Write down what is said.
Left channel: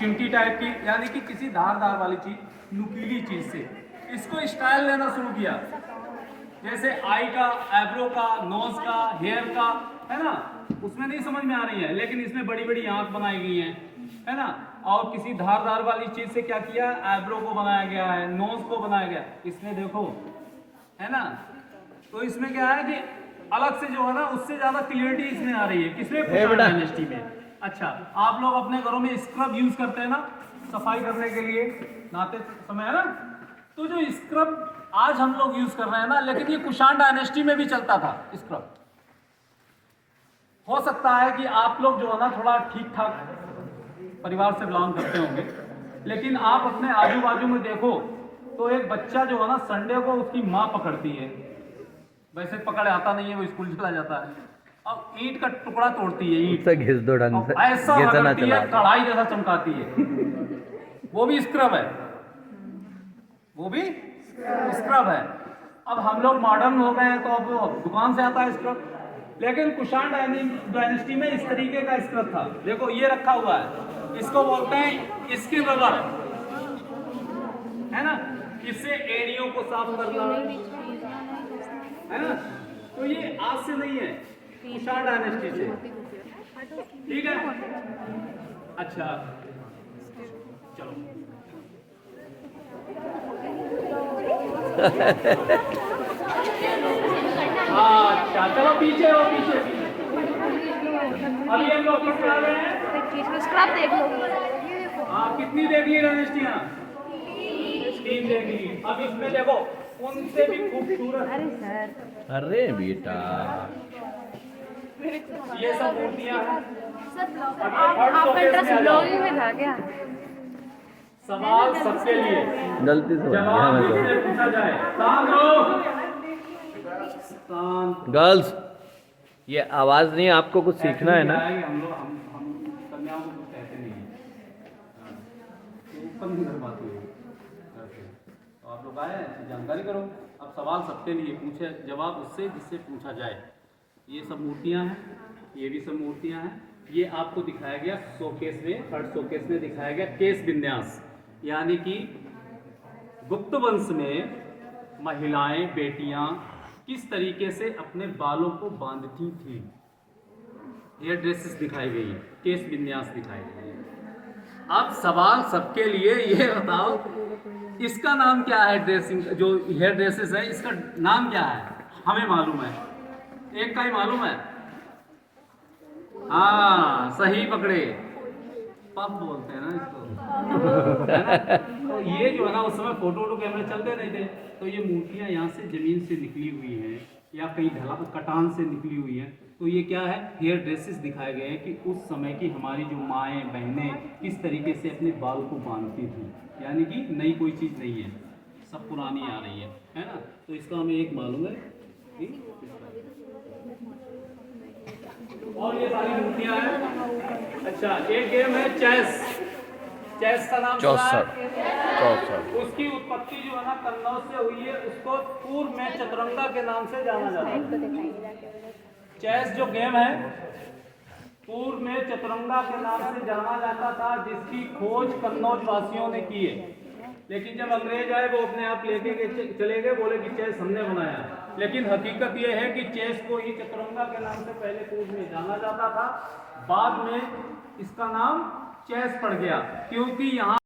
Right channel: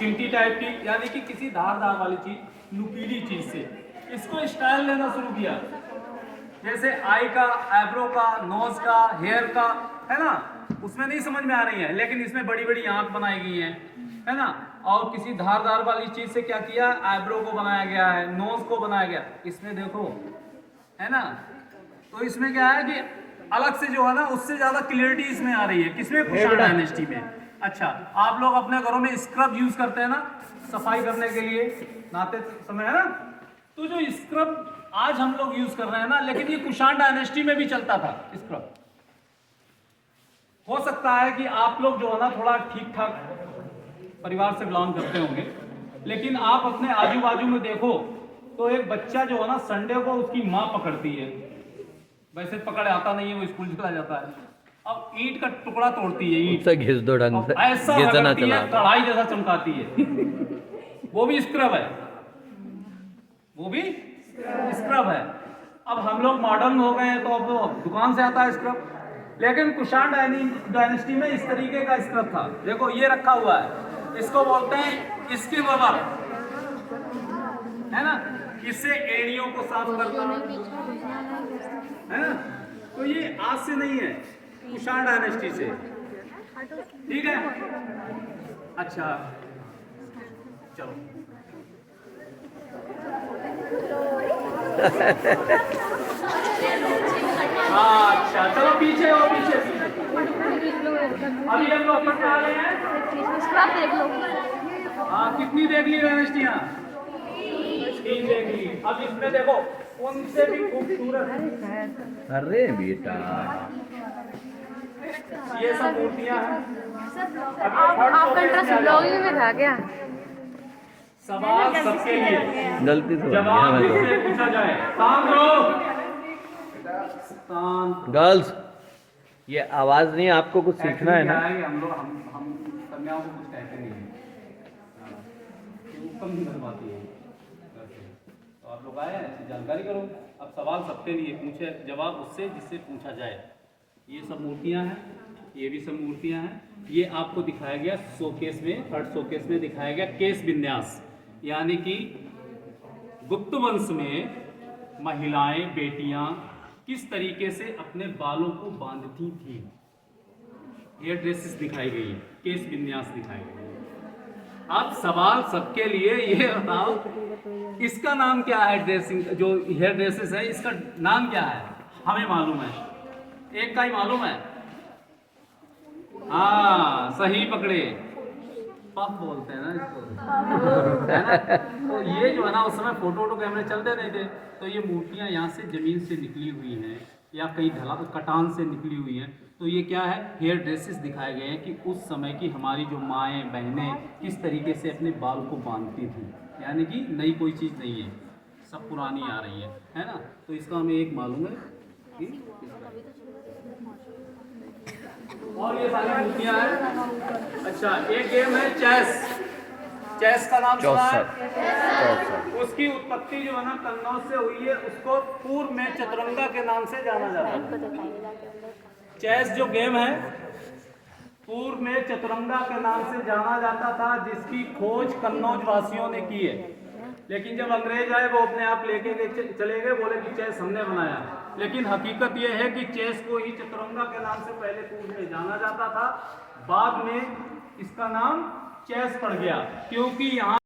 चिमटी टाइप की, यानी कि किसी धारदार वाली चीज, नुकीली चीज से इसको स्टाइल लेना शुरू किया। जैसे आई का, आईब्रो का, नोज का, हेयर का, है ना, उसमें नहीं समझ में आ रही है, लेकिन इसमें बड़ी बड़ी आंख बनाई गई है ना। और किसी धारदार वाली चीज से क्या किया, आईब्रो को बनाया गया है, नोज को बनाया गया, इसमें देखो, है ना। तो इसमें क्या है कि अलग से जो है ना, उससे ज्यादा क्लियरिटी इसमें आ रही है। किसमें, कुषाण डायनेस्टी में। अच्छा, आप लोग अपने घरों में स्क्रब यूज करते हैं ना, सफाई करने के लिए नहाते समय, है ना। तो जो स्क्रब आज हम लोग यूज कर रहे हैं ना, लेकिन ये कुषाण डायनेस्टी में भी चलता था स्क्रब। हो सकता है कि आप लोग जो है ना थोड़ा ठीक ठाक परिवार से बिलोंग करते होंगे, लेकिन आप अपने आजू बाजू में देखो तो एक बच्चा जो है ना, संडे को उसकी माँ पकड़ती है, वैसे पकड़ आता नहीं है, वो स्कूल चला जाता है। अब ईंट का टुकड़ा तोड़ती है, ईंट उससे घिस दो ढंग से, ऐसा घिसना रगड़ती है, चला कढ़ाई जैसा चमकाती है। वो भी स्क्रब है, वो भी स्क्रब है। अब हम लोग मॉडर्न हो गए हैं, तो अब दुकान से आता है स्क्रब, लेकिन कुषाण डायनेस्टी में इस तरीके का स्क्रब था। देखो ये रखा हुआ है, इसको बोलते हैं स्किन रबर, है ना। इससे एड़ियों को साफ करता है ना। तो ये आज से नहीं है, कुषाण डायनेस्टी से, ठीक है। अच्छा चलो हाँ, अच्छा चलो पीछे हो, पीछे पीछे। अभी हम लोग कितने आ गए हैं, देख लो। हाँ कितनी देख ली डायनेस्टियाँ, 3 देख ली। अब इसमें देखो उनसे भी खूबसूरत, अरे बेटा, ये सब मूर्तियां हैं। आपका इंटरेस्ट ब्लॉगिंग में था क्या? सवाल सबके लिए, गलती से बन गया जवाब मैं जिससे तो। पूछा जाए। शांत रहो, शांत। गर्ल्स, ये आवाज नहीं, आपको कुछ सीखना है ना। हम लोग हम कन्याओं को कुछ कहते नहीं है, ऊपर नहीं करवाती है। तो आप लोग आए जानकारी करो। अब सवाल सबके लिए, पूछे जवाब उससे जिससे पूछा जाए। ये सब मूर्तियां हैं, ये भी सब मूर्तियां हैं। ये आपको दिखाया गया शोकेस में, फर्स्ट शोकेस में दिखाया गया केस विन्यास, यानी कि गुप्त वंश में महिलाएं, बेटियां किस तरीके से अपने बालों को बांधती थी। हेयर ड्रेसेस दिखाई गई है, केस विन्यास दिखाई गई है। अब सवाल सबके लिए, ये बताओ इसका नाम क्या है, ड्रेसिंग जो हेयर ड्रेसेस है इसका नाम क्या है। हमें मालूम है, एक का ही मालूम है। हाँ सही पकड़े, पफ बोलते हैं ना इसको, है ना। तो ये जो है ना, उस समय फोटो कैमरे चलते नहीं थे, तो ये मूर्तियां यहाँ से जमीन से निकली हुई हैं या कहीं कटान से निकली हुई हैं। तो ये क्या है, हेयर ड्रेसेस दिखाए गए हैं कि उस समय की हमारी जो माएँ बहनें किस तरीके से अपने बाल को बांधती थी, यानी कि नई कोई चीज़ नहीं है, सब पुरानी आ रही है ना। तो इसका हमें एक मालूम है कि और ये सारी मूर्तियां हैं। अच्छा, एक गेम है चेस, चेस का नाम सुना है? उसकी उत्पत्ति जो है ना कन्नौज से हुई है, उसको पूर्व में चतुरंगा के नाम से जाना जाता है। चेस जो गेम है पूर्व में चतुरंगा के नाम से जाना जाता था, जिसकी खोज कन्नौज वासियों ने की है। लेकिन जब अंग्रेज आए, वो अपने आप लेके चले गए, बोले कि चेस हमने बनाया। लेकिन हकीकत यह है कि चेस को ही चतुरंगा के नाम से पहले पूर्व में जाना जाता था, बाद में इसका नाम चेस पड़ गया, क्योंकि यहाँ